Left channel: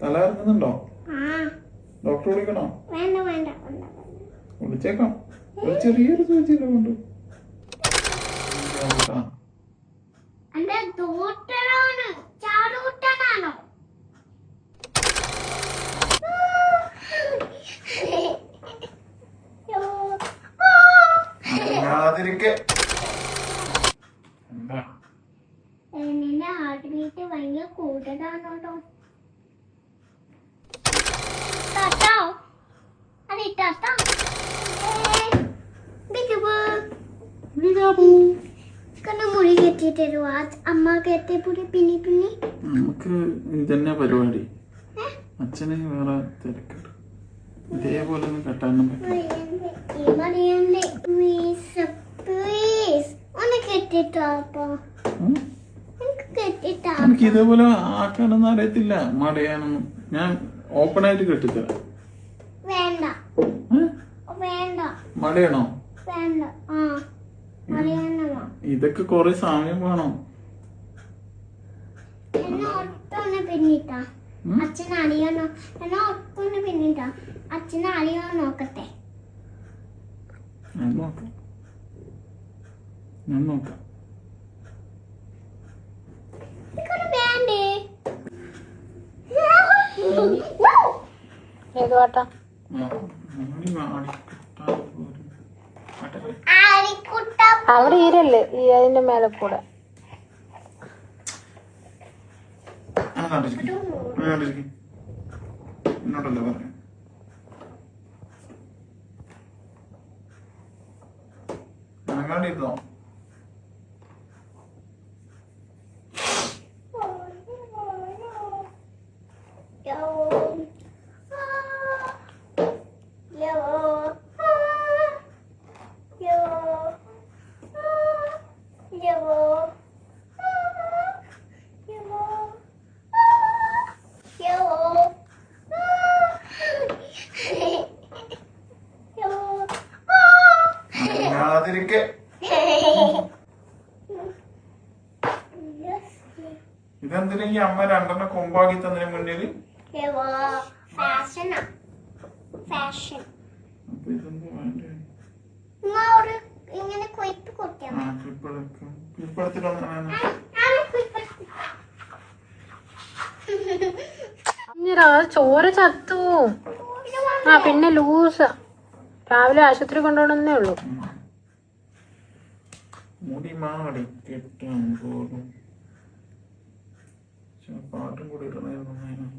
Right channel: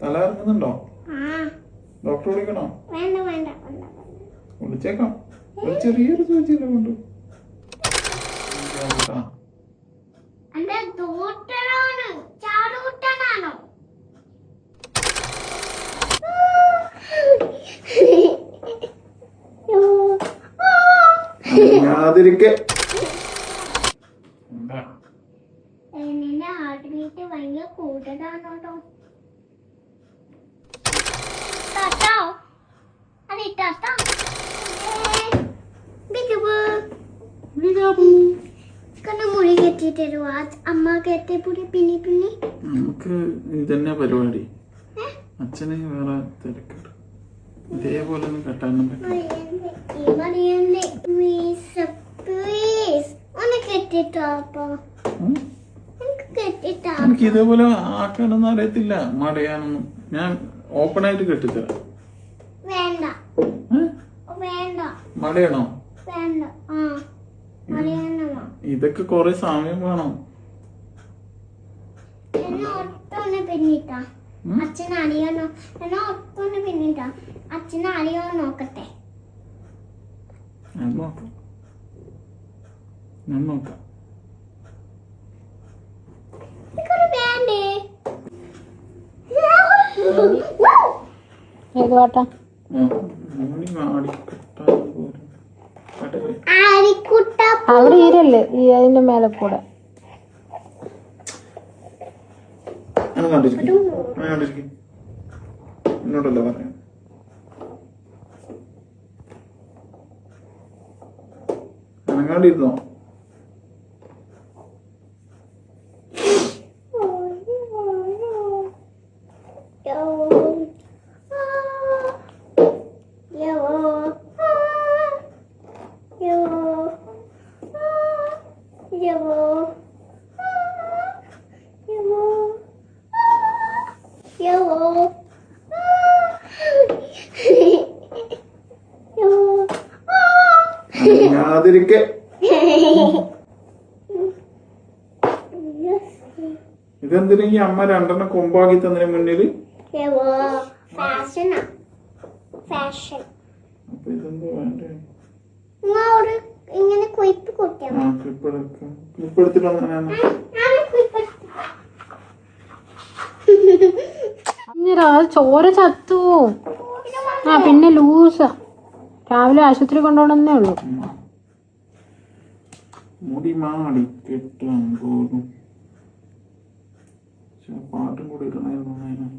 തല ഇറങ്ങുന്നുണ്ടോ? ഡോക്ടർ വിളിക്കണോ? വിളിച്ചേക്കാം. ഒരു ചെറിയൊരു സൂചിയില്ല കൊണ്ട് അതിരിക്കെ ഹാർട്ട് ബീറ്റ് ഭയങ്കര കൂടുതലാണോ? മുറി കെട്ടിട്ട് അമ്മ കെട്ടിപ്പുടി പിന്നി പിന്നി നമുക്ക് ഇതന്നെ പരിപാടി. അച്ഛന് വേറെ തിരക്കുണ്ട്. ഇതേപോലെ ഒന്നും കെട്ടാനും പറ്റില്ല. എനിക്ക് ഇതേപോലെ ആക്കാനൊന്നും അറിയത്തില്ല. മടയാനൊന്നും ഞാൻ ഓപ്പൺ ആയിട്ട് കെട്ടിത്തരാം. മടയാണോ? ഇതൊക്കെ കൊറേ സമയം വേണം. അച്ഛനറിയോ നോക്കട്ടെ. ഞാൻ നോക്കാം. ഇതിന്റെ മേലെ കൂടെ എന്നോടല്ലേ പറയാം. അനങ്ങാണ്ടിരുന്നോ? അതിരിക്കെ ഇതെന്തിനാ ഈ അമ്മ രണ്ടെണ്ണം കൊമ്പാക്കി തന്നതിന് മുന്നില്? അപ്പൊ ഇതെന്താ വേണ്ടേ? ക്ലിപ്പ് എടുത്തിട്ട് ചോര ചത്തു. പിന്നെ ലൂസ് രാവിലെ ആശുപത്രി കൊണ്ടുപോകണമെന്നേ ഉള്ളൂ. മുടി മാടി കെട്ടാൻ പോലും പാട്ടും കൂടി ഇടണമായിരുന്നു.